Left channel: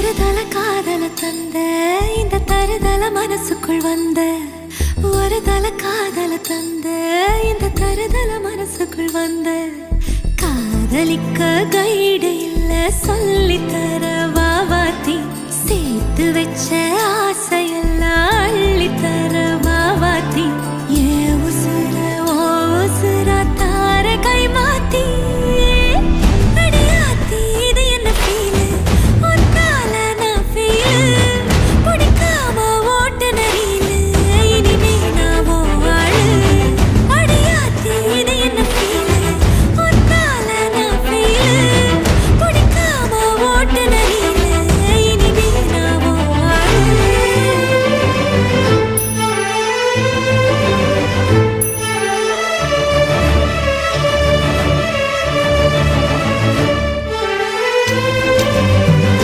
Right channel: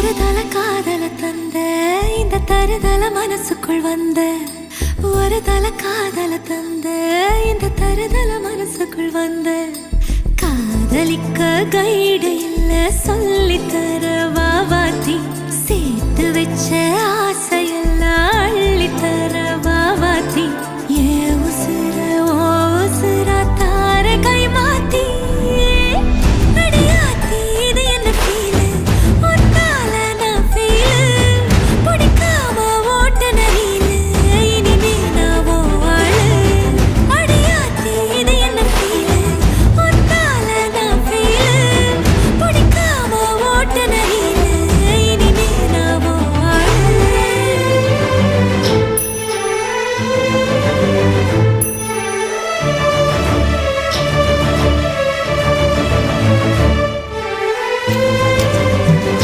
ஒரு தல காதல தந்த இந்த தருதல மனசுக்குள் வந்த ஒரு தல காதல தந்த இந்த தருதல மனசுக்குள் வந்த காதலிக்க கைடு இல்ல சொல்லித்தர வாவாத்தி சேர்த்து வச்ச